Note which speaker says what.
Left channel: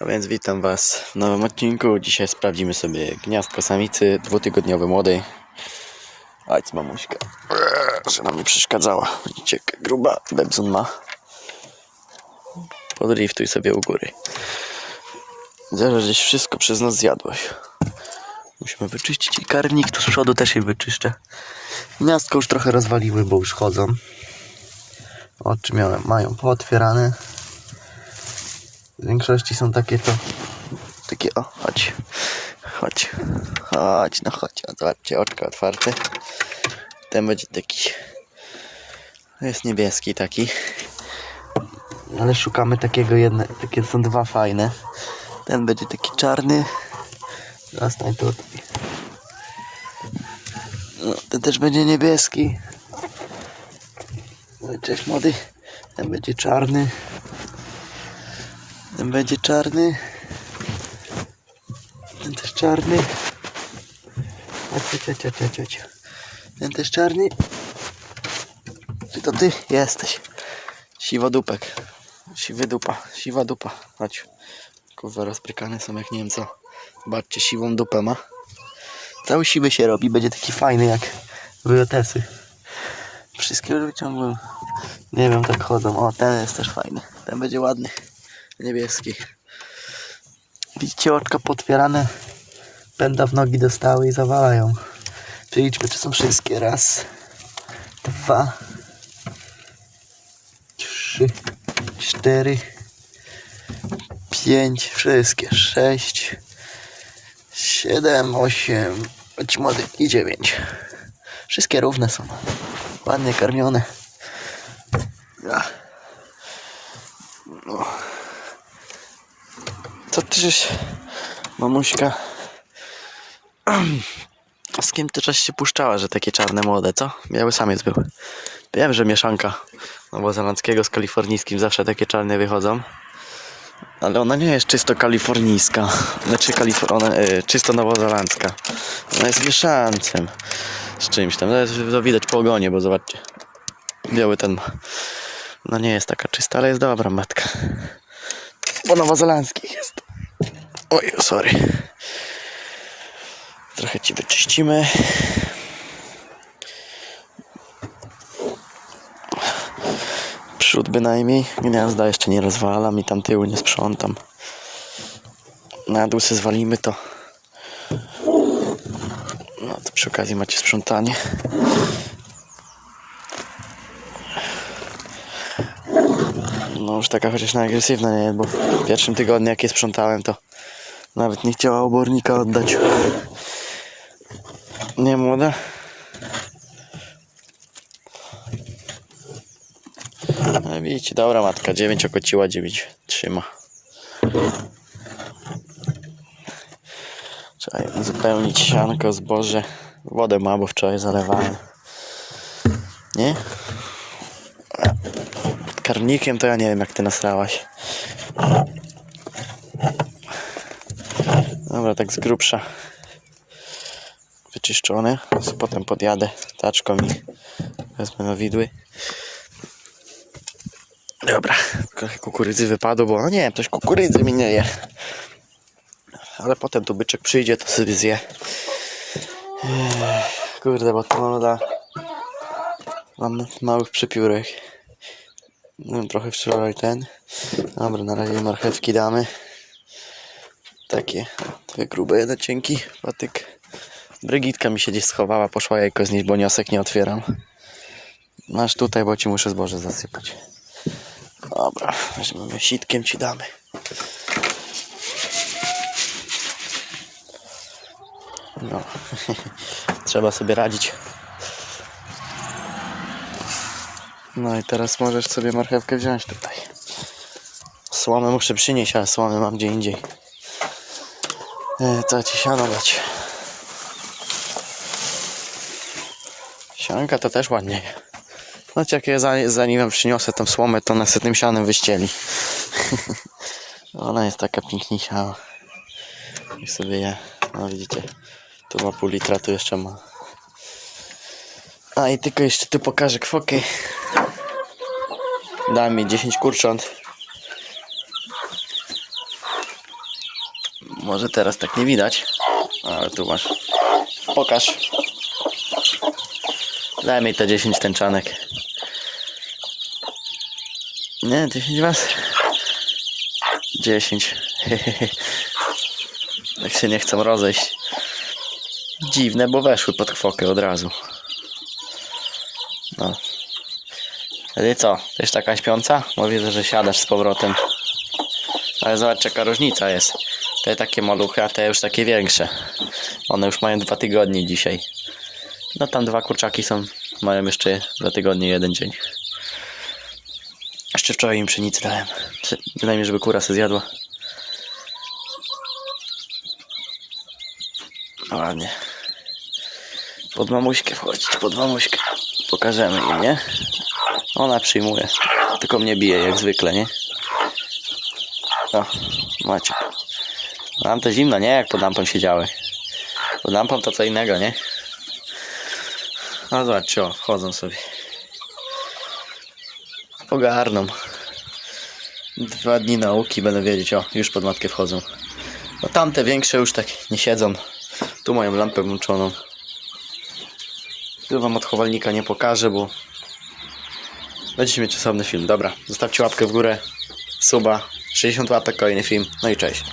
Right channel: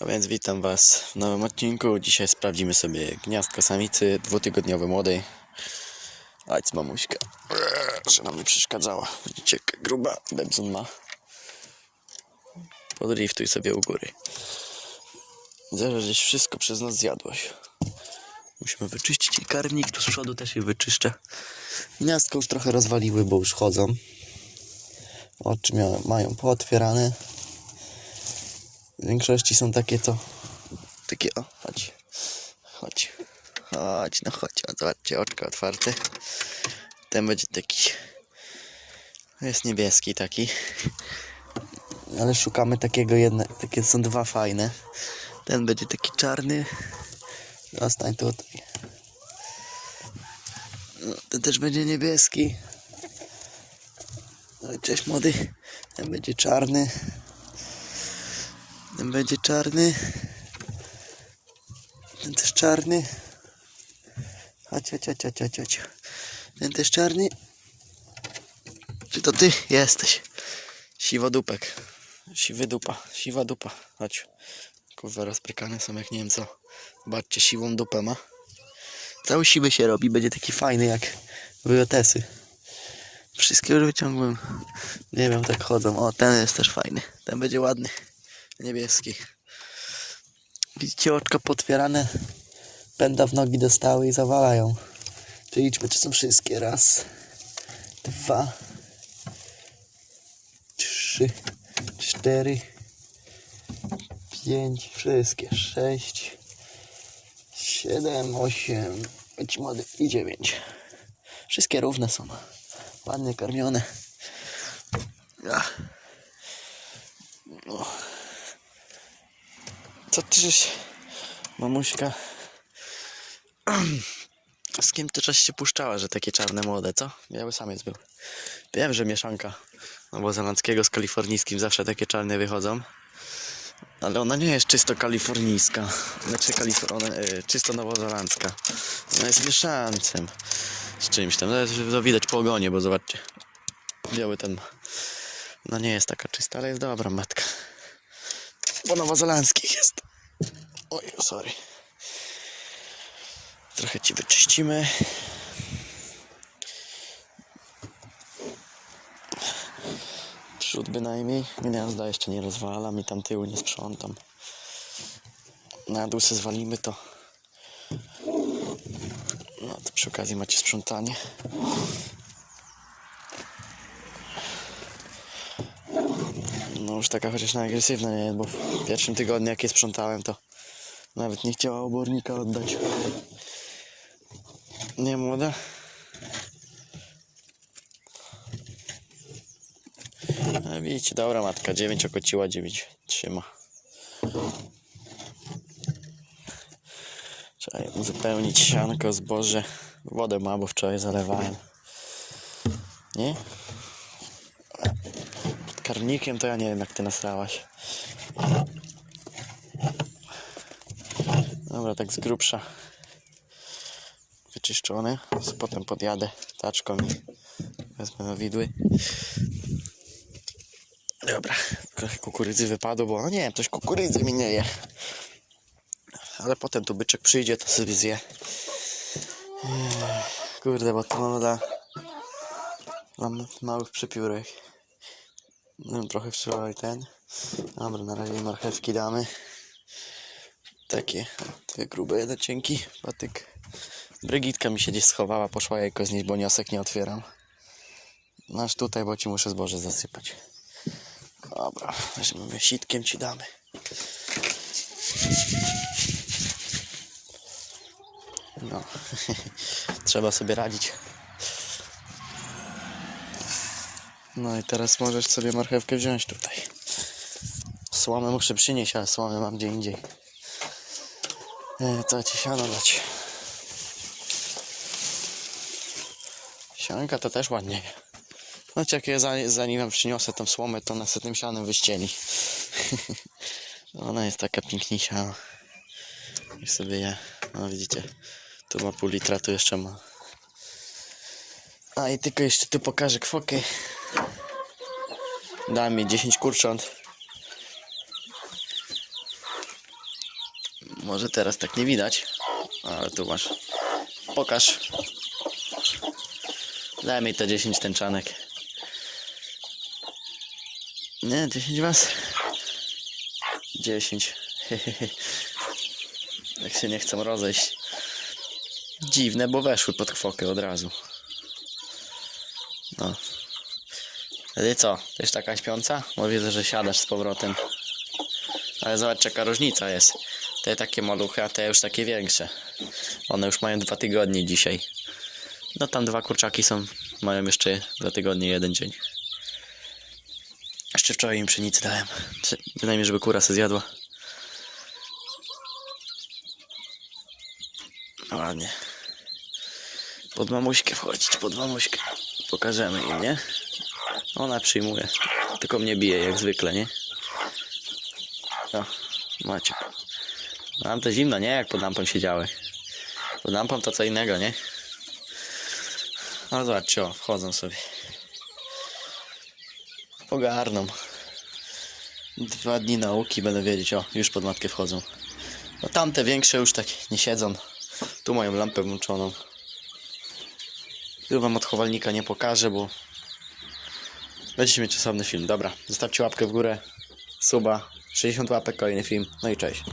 Speaker 1: A więc witam Was w nowym odcinku. Dzisiaj sprawdzimy sobie gniazdko samicy dwutygodniowej młodej. Chodź mamuśka, Eee, że nam nie przeszkadzała. Widzicie, gruba Bebzun ma. Podriftuj sobie u góry. Zaraz żeś wszystko przez nas zjadłeś. Musimy wyczyścić i karnik, tu z przodu też je wyczyszczę. Gniazdko już trochę rozwaliły, bo już chodzą. Oczy miałem, mają pootwierane. W większości są takie to. Takie o, chodź. Chodź. Chodź, no chodź. Zobaczcie, oczka otwarte. Ten będzie taki. Jest niebieski taki. Ale szukamy takiego jedne. Takie są dwa fajne. Ten będzie taki czarny. Zostań tutaj. No, ten też będzie niebieski. Cześć młody. Ten będzie czarny. Ten będzie czarny. Ten też czarny. Chodź, chodź, chodź, chodź. Ten też czarny. Czy to ty jesteś? Siwodupek. Siwy dupa. Siwa dupa. Chodź. Kurwa rozprykane są jak nie wiem co. Zobaczcie, siwą dupę ma. Cały siwy się robi. Będzie taki fajny jak wyotesy. Wszystkie już wyciągłem. Nie wiem, tak chodzą. O, ten jest też fajny. Ten będzie ładny. Niebieski. Widzicie, oczka potwierane. Pęda w nogi dostały i zawalają. Czyli liczmy, czy są wszystkie. Raz, dwa, trzy, cztery, pięć, wszystkie. Sześć, siedem, osiem, chodź młody i dziewięć. Wszystkie równe są. Ładnie karmione. Ja. No. Co ty żeś, mamuśka? Z kim ty czas się puszczała, że takie czarne młode, co? Biały samiec był. Wiem, że mieszanka nowozelandzkiego z kalifornijskim zawsze takie czarne wychodzą. Ale ona nie jest czysto kalifornijska. Znaczy kalifor... ona, e, czysto nowozelandzka. Ona jest mieszancem z czymś tam. No, jest- to widać po ogonie, bo zobaczcie. Biały ten. No nie jest taka czysta, ale jest dobra matka. Po nowozelandzkich jest. Oj, sorry. Trochę ci wyczyścimy. Przód bynajmniej. Gniazda jeszcze nie rozwalam i tam tyłu nie sprzątam. Na dół se zwalimy to. No to przy okazji macie sprzątanie. No już taka chociaż agresywna nie bo w pierwszym tygodniu jak je sprzątałem to nawet nie chciała obornika oddać. Nie młoda? No widzicie, dobra matka, 9 okociła, 9 trzyma. Trzeba uzupełnić sianko, zboże. Wodę ma, bo wczoraj zalewałem. Nie? Karnikiem to ja nie wiem jak ty nasrałaś. Dobra, tak z grubsza. Wyczyszczone. Potem podjadę taczką i wezmę na widły. Dobra, trochę kukurydzy wypadło, bo no nie coś kukurydzy mi nie je. Ale potem tu byczek przyjdzie, to sobie zje. Ech, Kurde, bo to moda. Mam małych przepiórek. No, trochę wczoraj ten. Dobra, na razie marchewki damy. Takie, dwie grube, jeden cienki patyk. Brygitka mi się gdzieś schowała, poszła jajko znieść, bo niosek nie otwieram. Masz tutaj, bo ci muszę zboże zasypać. Dobra, weźmiemy sitkiem ci damy. No, trzeba sobie radzić. No i teraz możesz sobie marchewkę wziąć tutaj. Słomę muszę przynieść, ale słomę mam gdzie indziej. E, co ci siano dać? Sianka to też ładnie. Znaczy jak ja za, zanim wam przyniosę tą słomę, to sobie tym sianem wyścieli. ona jest taka pięknisia. I sobie je, no widzicie, tu ma pół litra, tu jeszcze ma. A i tylko jeszcze tu pokażę kwoki. Da mi 10 kurcząt. Może teraz tak nie widać, ale tu masz. Pokaż. Daj mi te 10 tęczanek. Nie, 10 was. 10. Jak się nie chcą rozejść. Dziwne, bo weszły pod kwokę od razu. No. Wtedy co? Też taka śpiąca? Bo widzę, że siadasz z powrotem. Ale zobacz jaka różnica jest. Te takie maluchy, a te już takie większe. One już mają dwa tygodnie dzisiaj. No tam dwa kurczaki są, mają jeszcze dwa tygodnie, jeden dzień. Jeszcze wczoraj im pszenicy dałem. Przy- Bynajmniej, żeby kura se zjadła. No Ładnie. Pod mamuśkę wchodzić, pod mamuśkę. Pokażemy im, nie? Ona przyjmuje. Tylko mnie bije jak zwykle, nie? No, macie. Nam to zimno, nie? Jak pod lampą siedziały. Pod lampą to co innego, nie? No zobaczcie, o, wchodzą sobie. Ogarną. Dwa dni nauki będę wiedzieć, o, już pod matkę wchodzą. No tamte większe już tak nie siedzą. Tu mają lampę włączoną. Tu wam odchowalnika nie pokażę, bo będziecie mieć osobny film. Dobra, zostawcie łapkę w górę, suba, 60 łapek, kolejny film. No i cześć.